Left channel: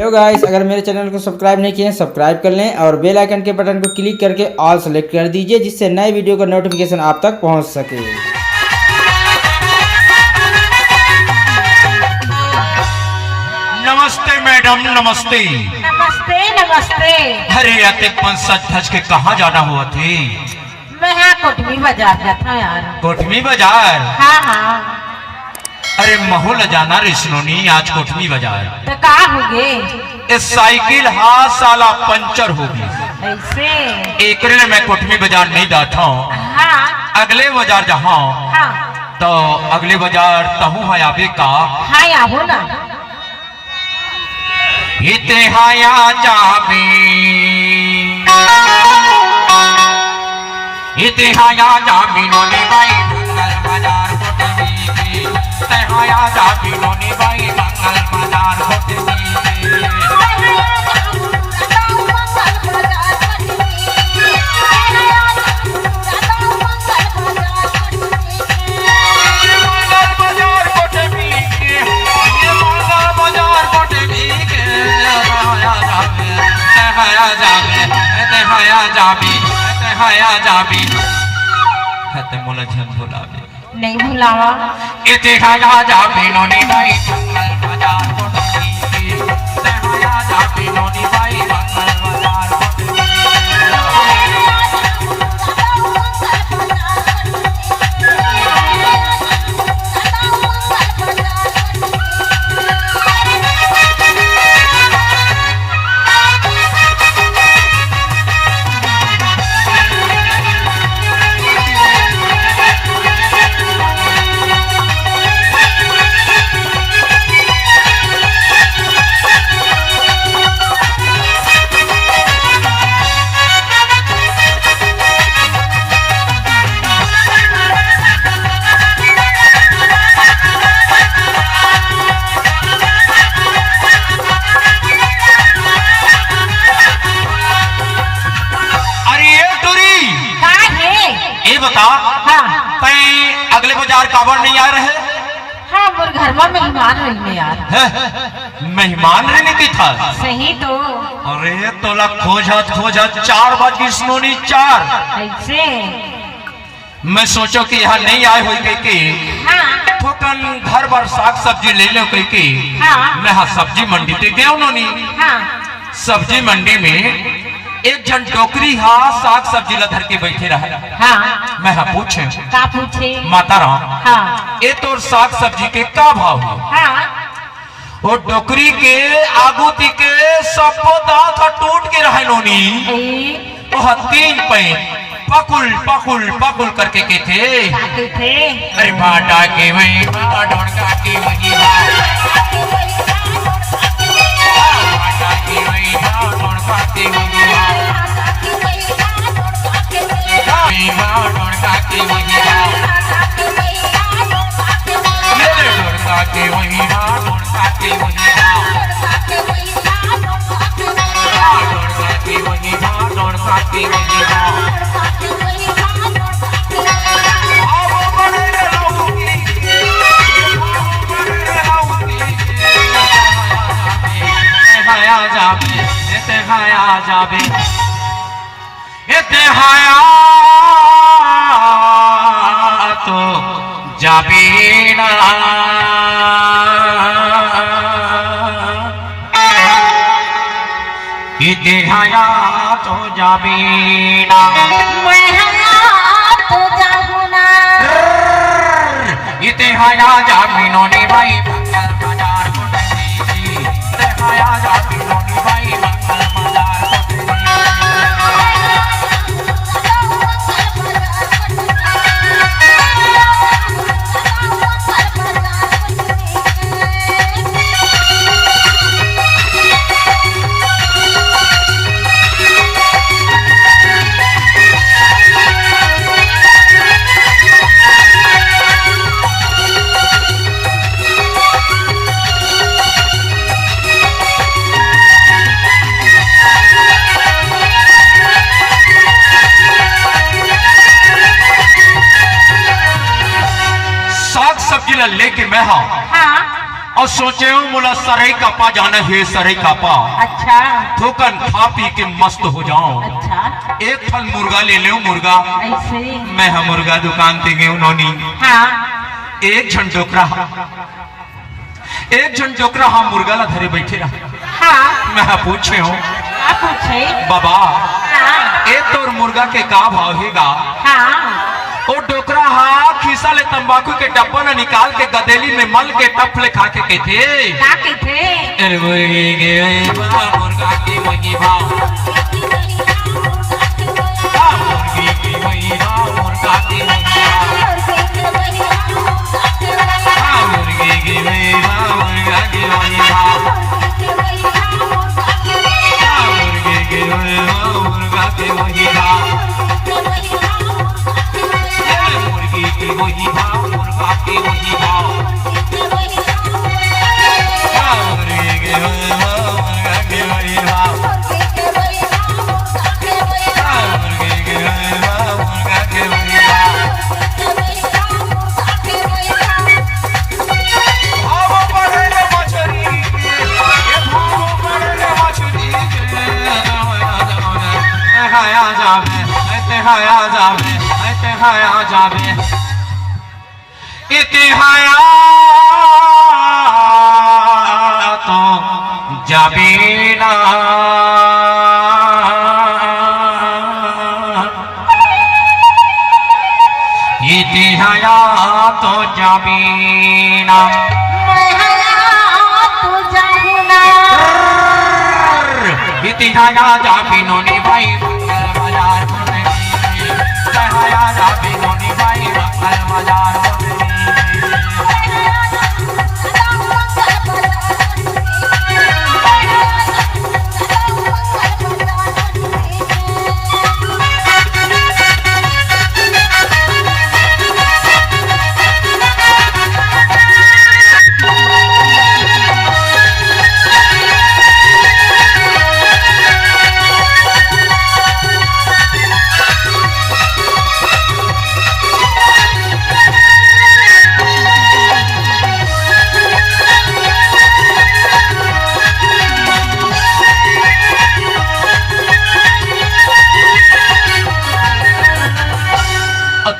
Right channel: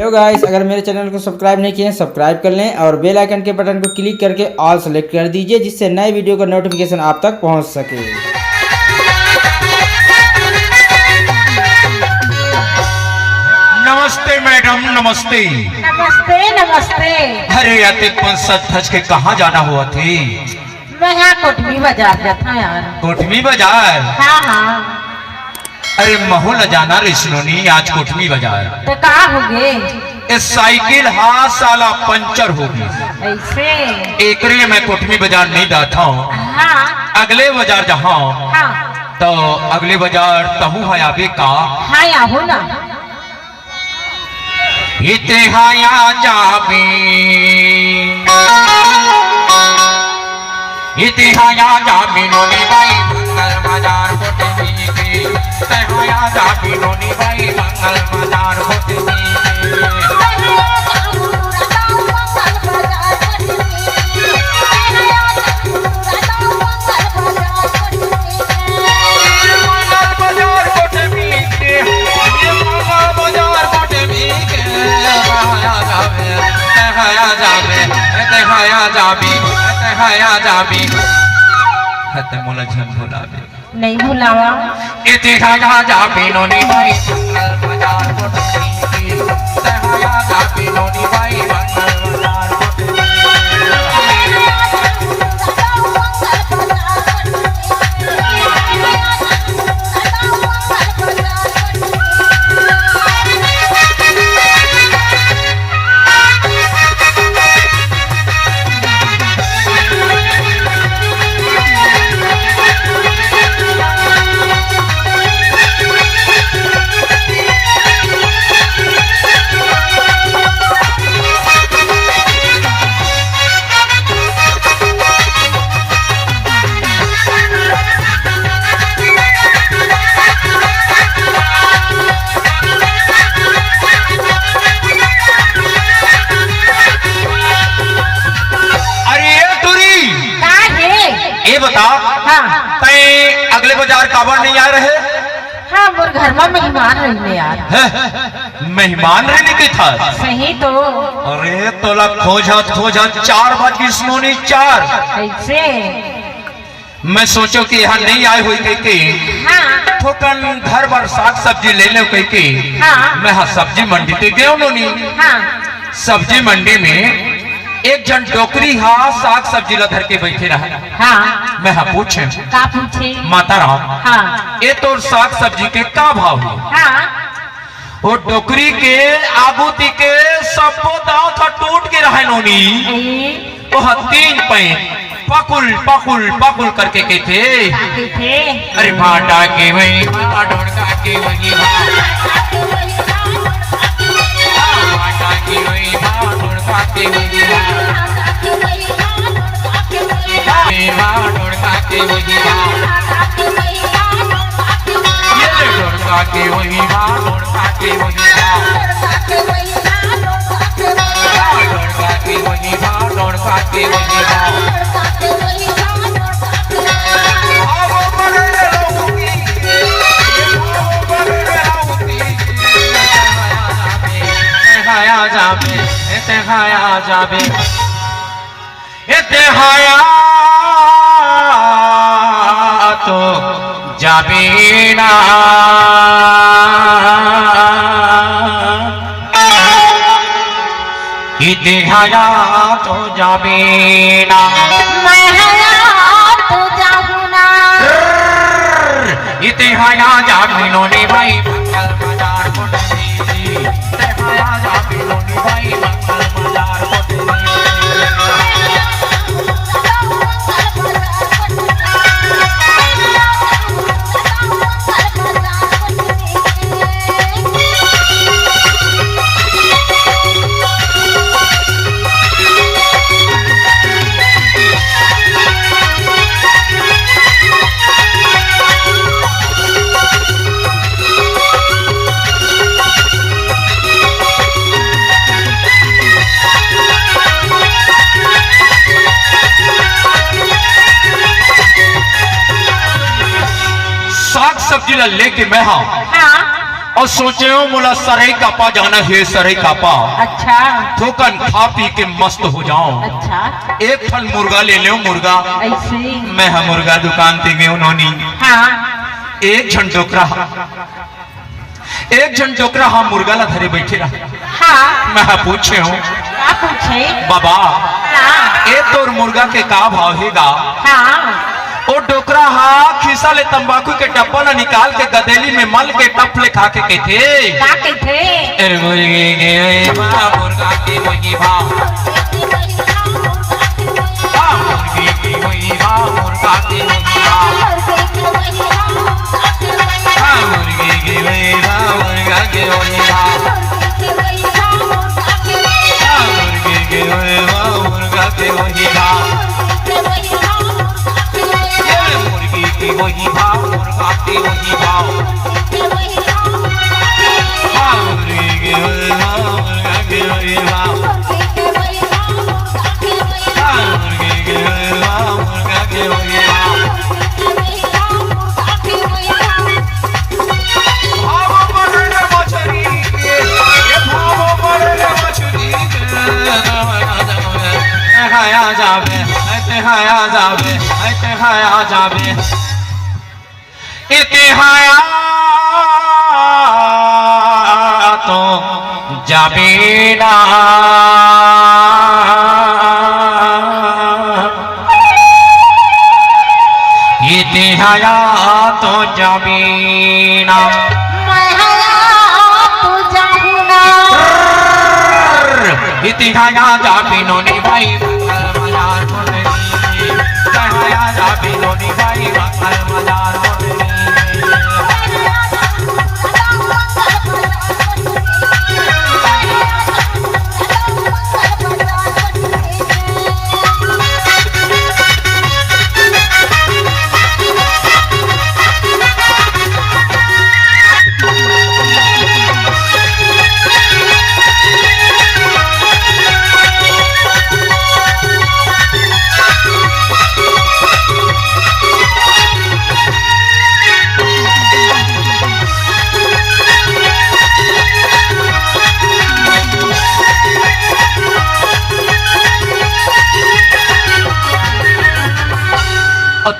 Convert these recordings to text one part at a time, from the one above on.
Hello guys, अगर मेरे channel को सब्सक्राइब नहीं किए हैं सब्सक्राइब कर लें और बेल आइकन के बटन को क्लिक करके ऑल सेलेक्ट कर दीजिए, जिससे नए वीडियो का नोटिफिकेशन आप तक पहुंच सके। नमस्ते मैडम, नमस्ते। नमस्ते नमस्ते। अरे आते सच धज के कहाँ जाना हुआ थे? मैं यहाँ कोटमी बाजार जाता हूँ यार। कोटमी बाजार? हाँ हाँ। अरे महू न जाना रे सुनोनी, आज कोटमी बाजार तो कहाँ हो गए? इस साइकिल हाथ साला पंचर होगी। ऐसे? एक मैं कोटमी बाजार नहीं जाता हूँ। हाँ अगले बाजार जहाँ हाँ तो अगले बाजार तहु है आबे का। हाँ यहाँ ना। इते हाया जाबे, इते हाया जाबे नोनी भाई मंगल बाजार कोटमी के। इते हाया जाबे नोनी भाई मंगल बाजार कोटमी के। मोला झन भुलावे नहीं भुलावा। इते हाया जाबे नोनी भाई मंगल बाजार कोटमी के। इते हाया जाबे नोनी भाई मंगल बाजार कोटमी के। ये बता, हाँ तय अगले बाजार काबर नहीं आ रहे? हाँ मोर घर में मेहमान रही यार। मेहमान रहने के था। सही तो। अरे तोला खोजत 4 बज सुनोनी 4। ऐसे? मैं सोचो कि यहाँ नहीं आए हुई कह के हाँ थोकन घर भर साग सब्जी ले लो कह के। हाँ। मैं हाँ सब्जी मंडी ते गया उन्होंने। हाँ सब्जी मंडी में एक जन टोकरी हाँ साग सब्जी ला धर के बैठे रहे। हाँ। मैं हाँ पूछे का पूछे? माता राम, हाँ ये तो साग सब्जी के का भाव है? हाँ वो टोकरी के आगू ती के सब दांत का टूट के रहे नोनी। वो 3 पैन पकुल पकुल पकुल करके के थे। अरे भाटा के वही भाटा के वही भाटा के वही भाटा के वही तो जाबे ना। इते हाया तो जाबे ना। इते हाया जाबे नोनी भाई मंगल बाजार कोटमी। इते हाया जाबे नोनी भाई मंगल बाजार कोटमी। सब्जी ला लेके मैं हाँ और सोचे हो मोला सरई कापा जाना है, सरई कापा अच्छा थोकन खा पी के मस्त हो जाऊं। अच्छा एक फल मुर्गा ले लो, मुर्गा ऐसे मैं हम मुर्गा दुकान पे गए उन्होंने हाँ एक झन डोकरा हम मुर्गा ला धरे बैठे रहा। हाँ मैं पूछे हूँ क्या पूछे बाबा हाँ ए तोर मुर्गा के का भाव हेगा? हाँ ओ डोकरा हा खीसा ले तंबाकू के डब्बा ना निकाल के गदेली में मल के टप ले खा के कहते क्या कहते अरे मुर्गे के बड़ा मुर्गा के वही भाव, मुर्गे के वही भाव, मुर्गा के वही भाव, मुर्गे के वही भाव, मुर्गा के वही भाव, मुर्गे के वही भाव, मुर्गा के वही भाव, मुर्गे के वही भाव, मुर्गा के वही भाव, मुर्गे के वही भाव, मुर्गा के वही भाव, मुर्गे के वही भाव, मुर्गा के वही भाव। भाव पड़े मछली के, ये भाव पड़े मछली के, हाया जावे, हाया जावे, हाया जावे, इतिहाया तो जाबे ना, इतिहाया तो जाबे ना, इतिहाया जाबे नो नी भाई बाजार मोनी, इतिहाया जाबे नो नी भाई बाजार मोनी।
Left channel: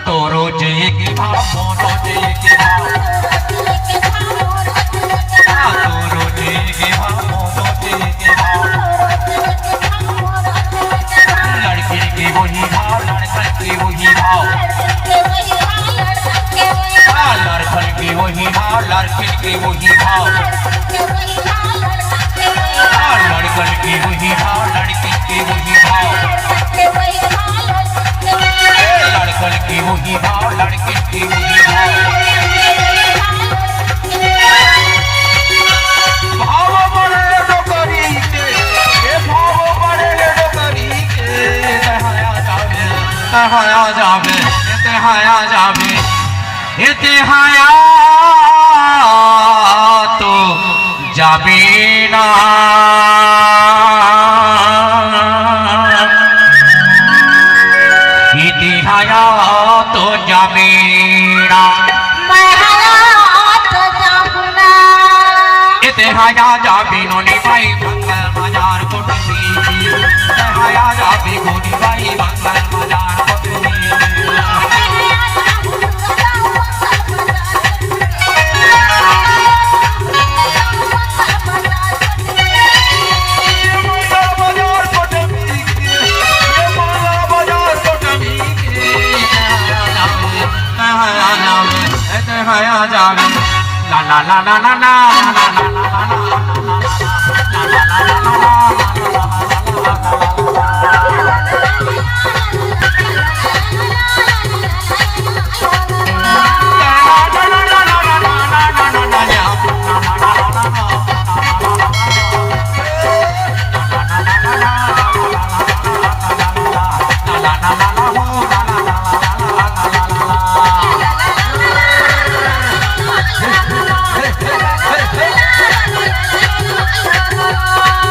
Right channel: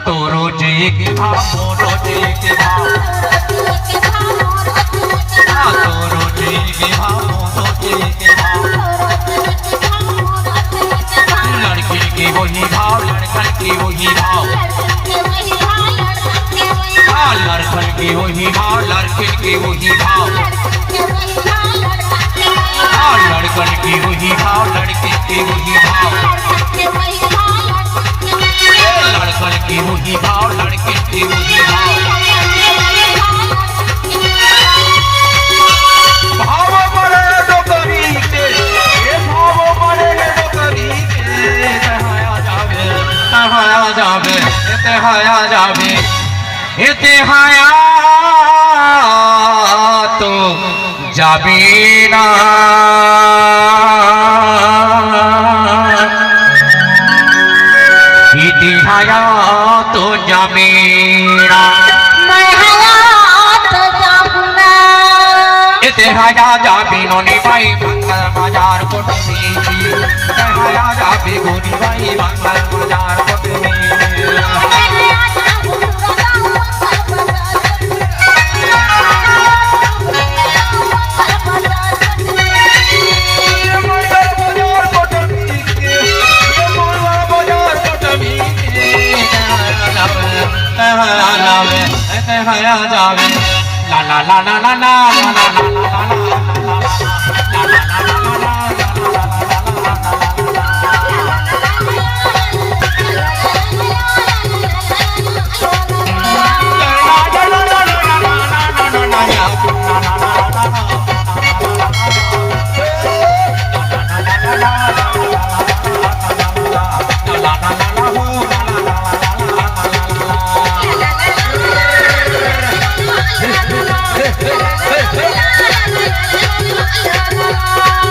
तोरो जय के भाव, मोरो जय के भाव, तोरो जय के भाव, मोरो जय के भाव, लड़के के वही भाव, लड़कन के वही भाव, लड़कन के वही भाव, लड़किन के वही भाव, लड़कन के वही भाव, लड़के के वही भाव, लड़कन की वही भाव, लड़के की वही भाव। भाव बड़े डोकरी के, ये भाव बड़े डोकरी के, तहाया जावे, तहाया जावे, तहाया जावे, तहाया तो जाबे ना, इतिहाया तो जाबेना, इतिहाया जाबे नो नी भाई मंगल बाजार कोटमी, इतिहाया जाबे गोनी भाई मंगल बाजार Kotmi. La la la la la la la la la la la la